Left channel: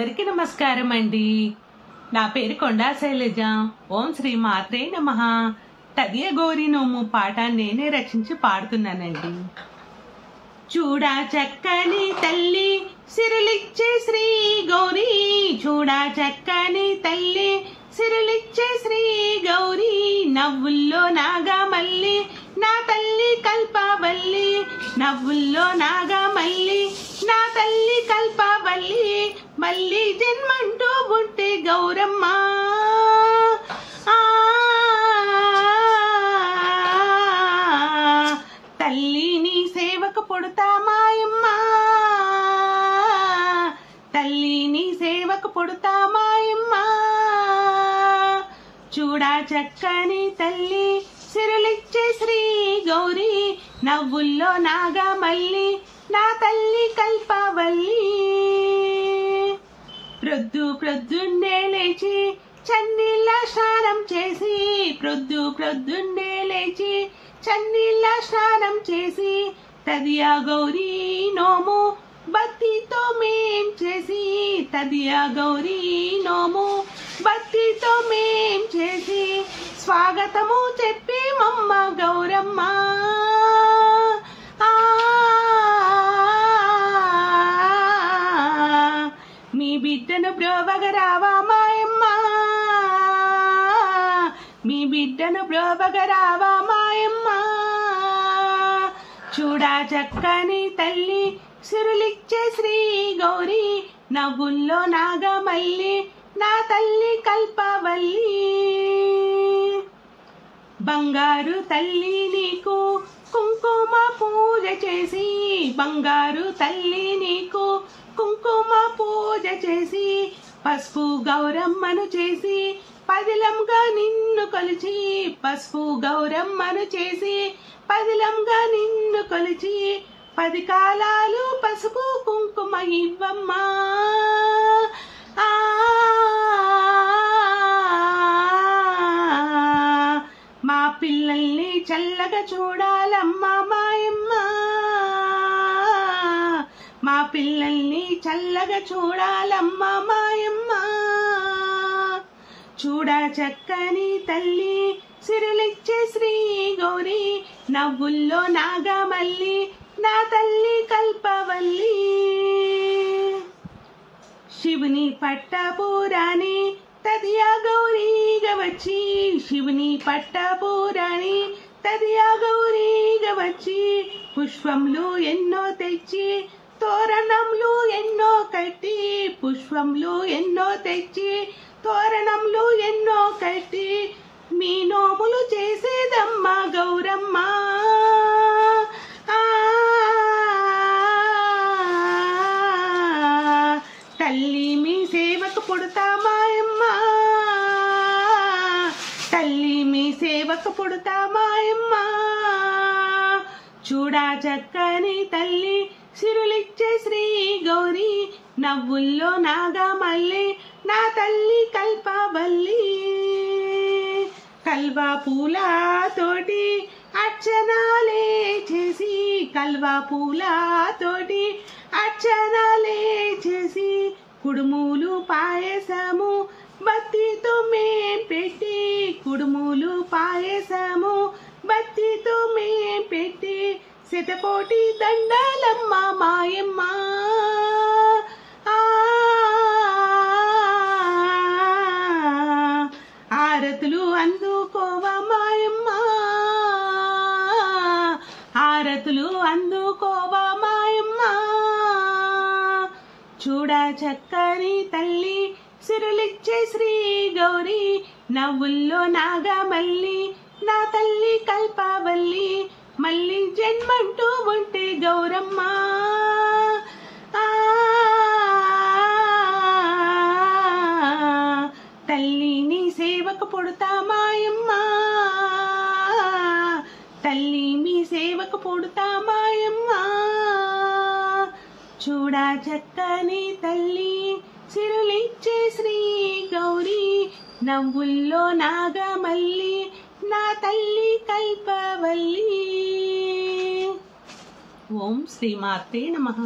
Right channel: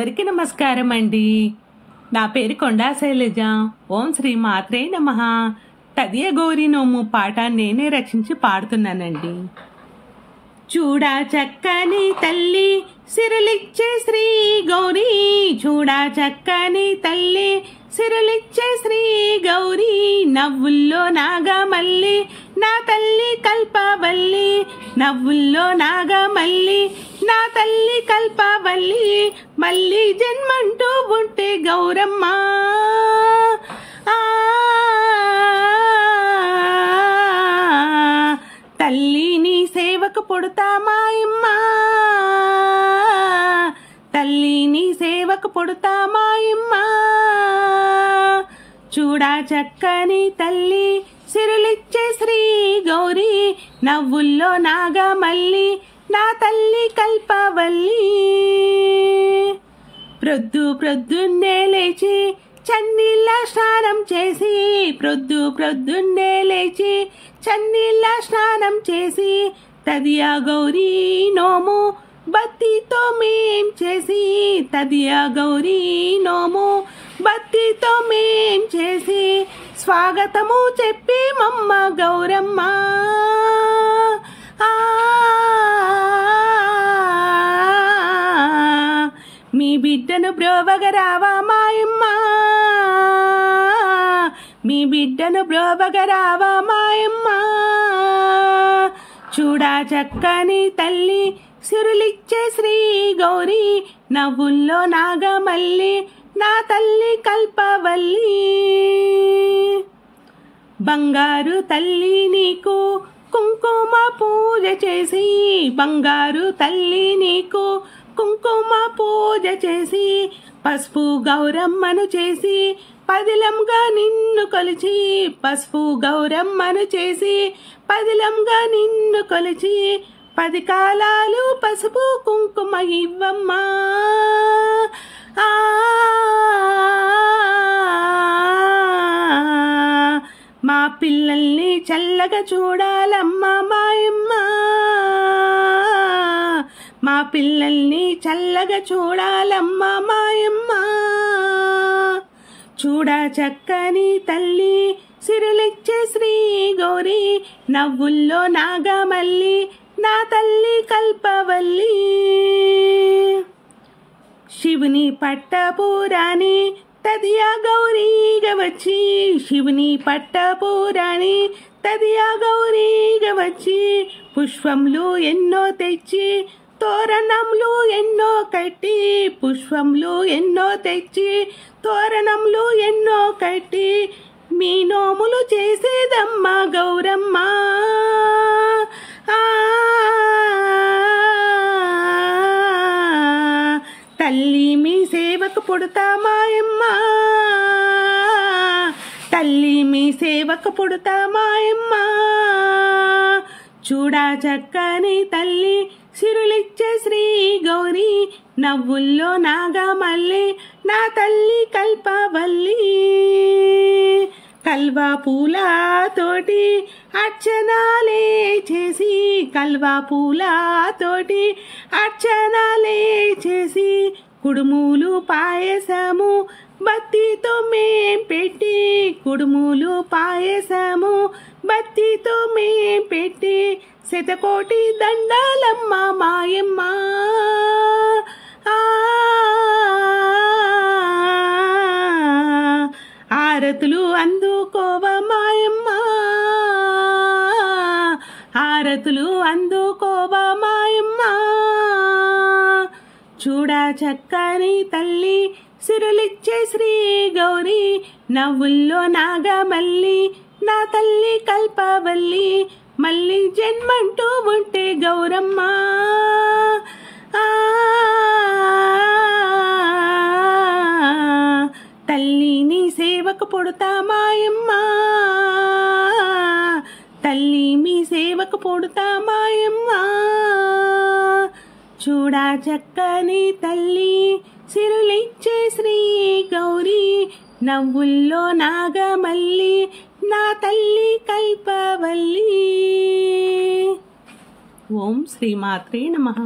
అందరికీ నమస్కారం అండి. నా పేరు కొండా శైలజ. ఓం శ్రీ మాత్రే నమః. తదియ గౌరి నోము పాట నేనే రచించి పాడుతున్నానండి. చూడా చక్కని తల్లి సిరులిచ్చే శ్రీ గౌరీ, చూడా చక్కని తల్లి సిరులిచ్చే శ్రీ గౌరీ, నవ్వుల్లో నాగమల్లి నా తల్లి కల్పవల్లి, నవ్వుల్లో నాగమల్లి నా తల్లి కల్పవల్లి, మళ్ళీ జన్మంటూ ఉంటే గౌరమ్మ. తల్లి నీ సేవకు పుడతా మాయమ్మ, తల్లి నీ సేవకు పుడతా మాయమ్మ. చూడా చక్కని తల్లి సిరులిచ్చే శ్రీ గౌరీ, నవ్వుల్లో నాగమల్లి నా తల్లి కల్పవల్లి. ప్రొద్దున్నే లేచి చన్నీళ్ళ స్నానం చేసి, ప్రొద్దున్నే లేచి చన్నీళ్ళ స్నానం చేసి, తదియా గౌరీ నోము బత్తితో మేం చేసి, తదియా గౌరీ నోము బత్తితో మేం చేసి, స్వాగతము చెప్పి మమ్మ గౌరమ్మ. మీ బిడ్డను బ్రోవగరావా మాయమ్మ, మీ బిడ్డను బ్రోవగరావా మాయమ్మ. చూడా చక్కని తల్లి సిరులిచ్చే శ్రీ గౌరీ, నవ్వుల్లో నాగమల్లి నా తల్లి కల్పవల్లి. బంగారు తల్లి నీకు కుంకుమ పూజ చేసి, బంగారు తల్లి నీకు కుంకుమ పూజ చేసి, పసుపు గౌరమ్మను చేసి పదిలంగా నిన్ను కొలిచి, పసుపు గౌరమ్మను చేసి పదిలంగా నిన్ను కొలిచి, 10 కాలాలు పసుపు కుంకుమ ఇవ్వమ్మా. మా పిల్లల్ని చల్లగా చూడాలమ్మా మాయమ్మ, మా పిల్లల్ని చల్లగా చూడాలమ్మా మాయమ్మ. చూడా చక్కని తల్లి సిరులిచ్చే శ్రీ గౌరీ, నవ్వుల్లో నాగమల్లి నా తల్లి కల్పవల్లి. శివుని పట్టపురాణి తదియా గౌరీగా వచ్చి, శివుని పట్టపురాణి తదియా గౌరీగా వచ్చి, పుష్పములు ఎన్నో తెచ్చి తోరణములు ఎన్నో కట్టి, పుష్పములు ఎన్నో తెచ్చి తోరణములు ఎన్నో కట్టి, మీ నోములు చేసేదమ్మ గౌరమ్మ. తల్లి మీ సేవకు పుడతా మాయమ్మ, తల్లి మీ సేవకు పుడతా మాయమ్మ. చూడా చక్కని తల్లి సిరులిచ్చే శ్రీ గౌరీ, నవ్వుల్లో నాగమల్లి నా తల్లి కల్పవల్లి. కల్వా పూలతోటి అర్చనాలే చేసి, కల్వా పూలతోటి అర్చనాలే చేసి, కుడుములు పాయసము బత్తితో మేం పెట్టి, కుడుములు పాయసము బత్తితో మేం పెట్టి, శతకోటి దండాలమ్మ మాయమ్మ. ఆరతులు అందుకోవా మాయమ్మ, ఆరతులు అందుకోవా మాయమ్మ. చూడా చక్కని తల్లి సిరులిచ్చే శ్రీ గౌరీ, నవ్వుల్లో నాగమల్లి నా తల్లి కల్పవల్లి, మళ్ళీ జన్మంటూ ఉంటే గౌరమ్మ. తల్లి నీ సేవకు పుడతా మాయమ్మ, తల్లి మీ సేవకు పుడతా మాయమ్మ. చూడా చక్కని తల్లి సిరులిచ్చే శ్రీ గౌరీ, నవ్వుల్లో నాగమల్లి నా తల్లి కల్పవల్లి. ఓం శ్రీ మాత్రే నమః.